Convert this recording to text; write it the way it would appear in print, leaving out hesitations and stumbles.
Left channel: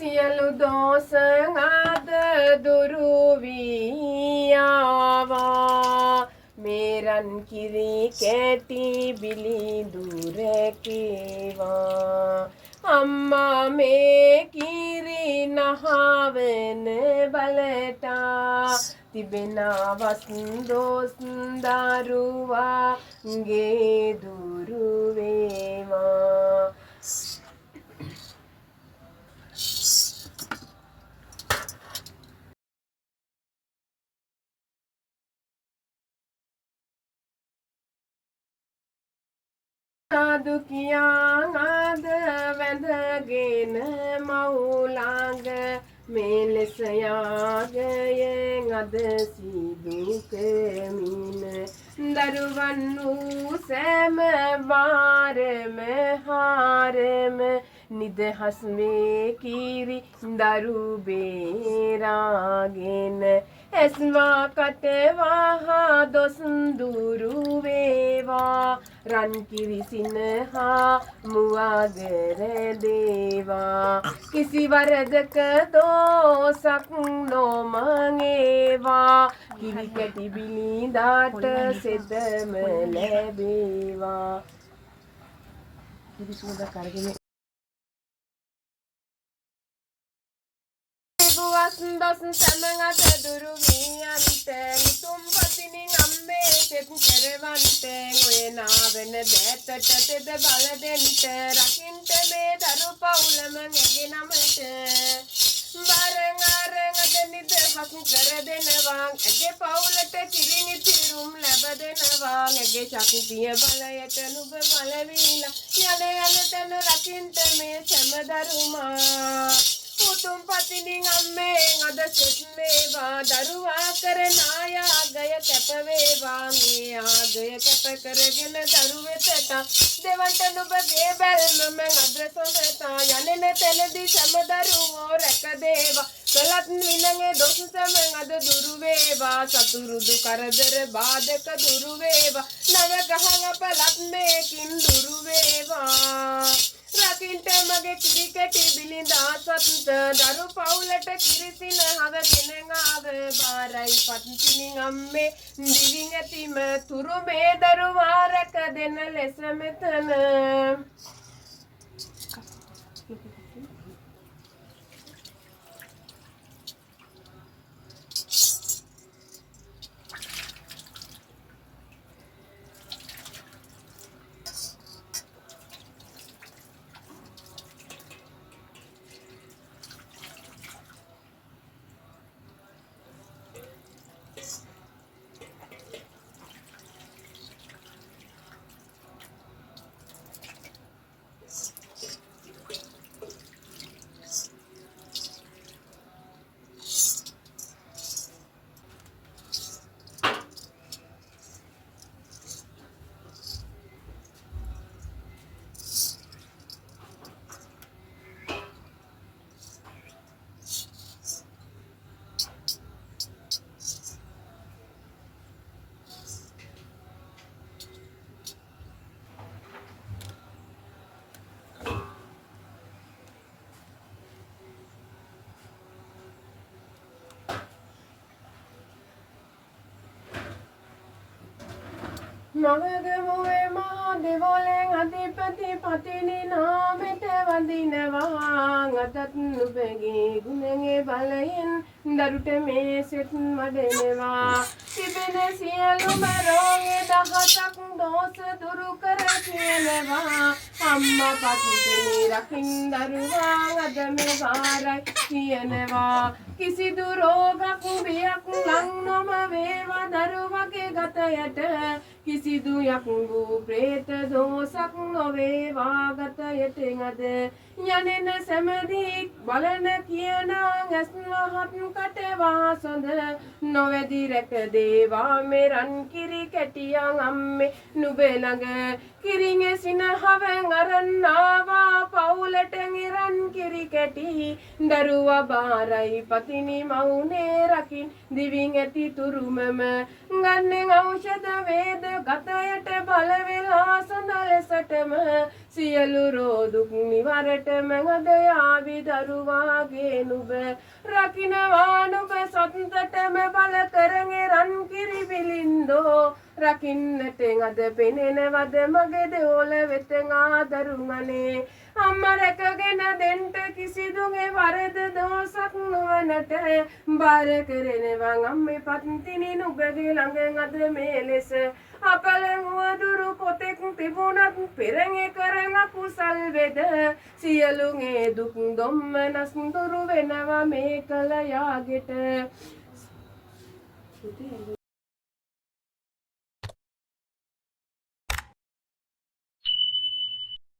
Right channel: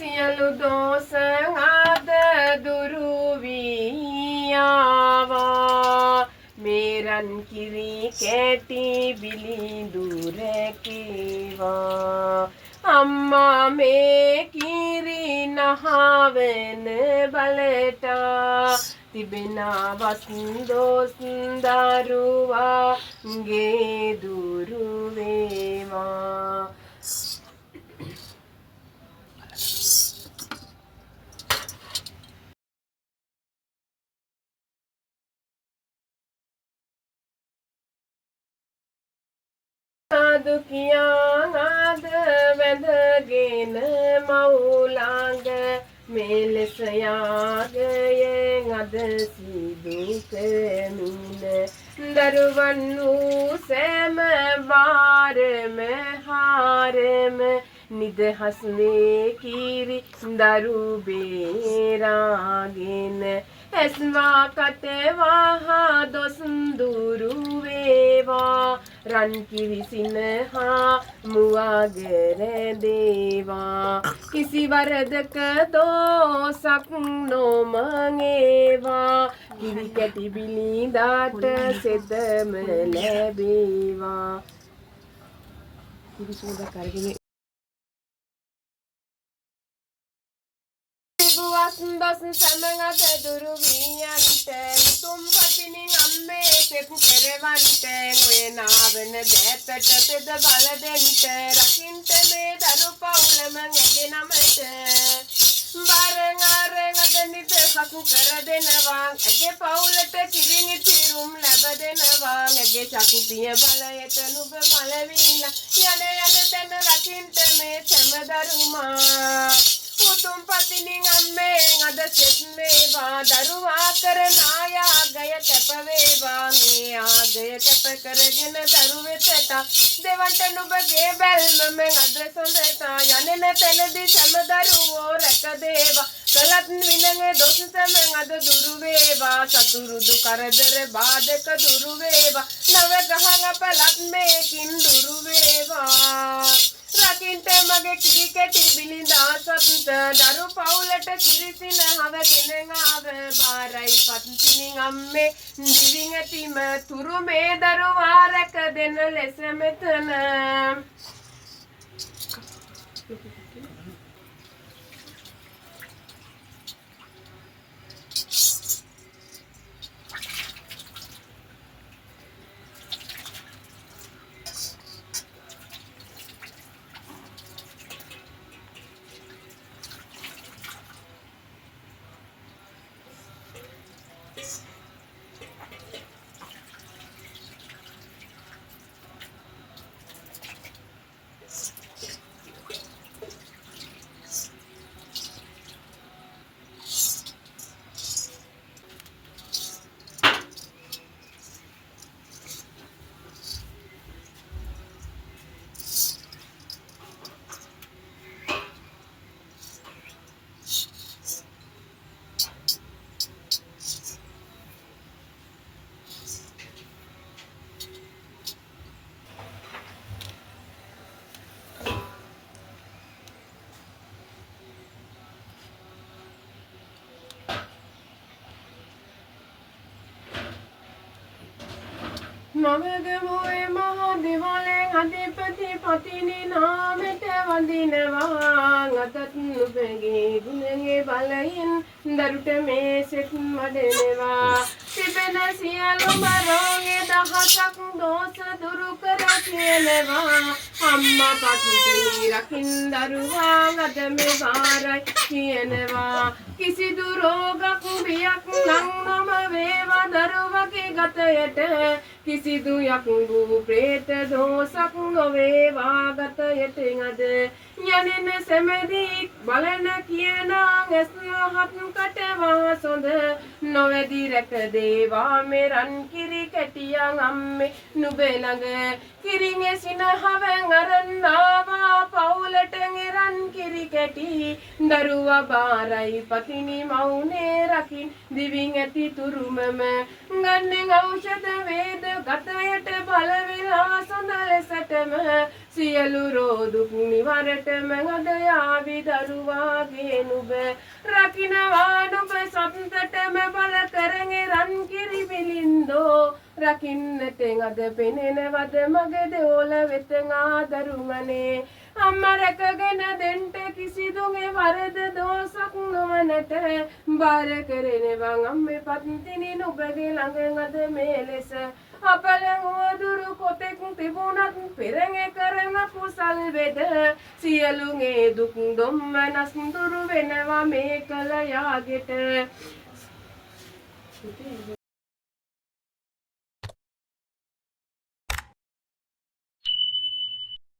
සියලු දෝෂ අද දුරු වී ආවා මේ රන් කිරි කැටි බිලිඳු රැකේවා අම්මා මේ කිරි නහවන බලට තිබෙනා වස්දොස් දරුවාගේ දුරු වේවා සාදු කියා ආද වැඳගෙන මවුලඟ මෙලෙස යාගයෙන් අද සිදු කෙමින දරුවන් වූ සෑම වාරම හාරම නිදහස් වේ කිරි දරු බේරාගෙන ඇස්වා කටවා දොස් දුරු වේවා රන් කිරි සිනහා මුවගර දේවා කිසි වරදක දෝසක් නොමඟේවා කිරි කැටි බිලිඳාට සෙදම ලැබේවා කිරි සුවඳක් අරගෙන දොස් සමඟ දුරු වීයන්ට උතුම් පතිනි අම්මේ සෙත් කෙරවන්ට ඔය නාවන බෑතට තෙද බල දෙන්ට රකින්ට මේ දරු පවුලම ඇගෙනමට වරෙන් අරෙන් අද නිදහස් කර දෙනවා ඇගේ පවුලට කිරිනි තිරුම් ලැබ දෙනවා ඇගේ ශක්තිය බලයට නුඹ බලවිලා යන තැන රකින්ට මේ සැම දරුමා උතුම් පතිනි අම්මේ අද සෙත් වේවා දරුවා කරන ආයාගය කැප වේවා මේ ආගය කැප කරගෙන දරු වෙතට දෙවන්ට නුඹගේ බැල්ම මෙන් අද සොඳට යන්නේ තැනදී සෑම දරුවෝ රැක දේවා කලත් විනං දොස් සමෙන් අද දුරු වේවා සතුරුදු කරදර බාධක දුරු වේවා නව ගහන පළත් මේකින් දුරු වේවා රකින්ට මගේ කිරි කැටි බිලිඳා සතුට දරු පවුලට කිරිසින හවගෙන ආව බාරයි පත්තිනි අම්මේ දිවින් ඇතිම තුරු මේ දරුවා රැක දෙන ලෙස මෙතන මවගමුවේ මහා දෙවලෙන් අධිපති පතිනි නාමෙට වඳිනවා අතත් නුඹගේ ගුණගේ බලයෙන් දරුට මේ සෙත් වඩනවා තිබෙන සියලුම රෝගේ දහසක් දෝෂ දුරු කර කියනවා අම්මා පතිනි රකින් දරුවා අද මේ වාරයි කියනවා කිසිදු රෝගක් බියක් ලං නොම වේවා දරුවගේ ගතයට කිසිදු යකුඹු ප්‍රේත දෝසක් නොවේවා ගතයට අද යනෙන සැමදී බලන කියන ඇස්වහත් කටවා සොඳ නොවැදි රැක දේවා මේ රන් කිරි කැටියන් අම්මේ නුඹේ ළඟ කිරිගේ සිනහවෙන් අරන් ආවා පවුලට රන් කිරි කැටි දරුවා බාරයි පතිනි මවුනේ රකින් දිවින් ඇති තුරුමම ගන්නෙන් ඖෂධ වේද ගතයට බල වෙලා සොඳ ලෙසටම සියලු රෝදුක් නිවරටම අද යාවි දරුවාගේ නුඹ රකින්නවා නුඹ සතුටටම බල කරගෙන රන් කිරි බිලින්දෝ රකින්නට අද පෙනෙනවද මගේ දෙවොල වෙත ආදරුමනේ අම්මා රැකගෙන දෙන්ට කිසිදුගේ වරද දෝසක් නොවනට බාර කරනවා අම්මේ පත්තිනි නුඹගේ ළඟ අද මේ ලෙස අකලං වදුරු කොතෙක් තිබුණත් පෙරඟ කරන කුසල් වෙද සියලුගේ දුක් දුම්නස් දුරු වෙනවා මේ කල යාගෙට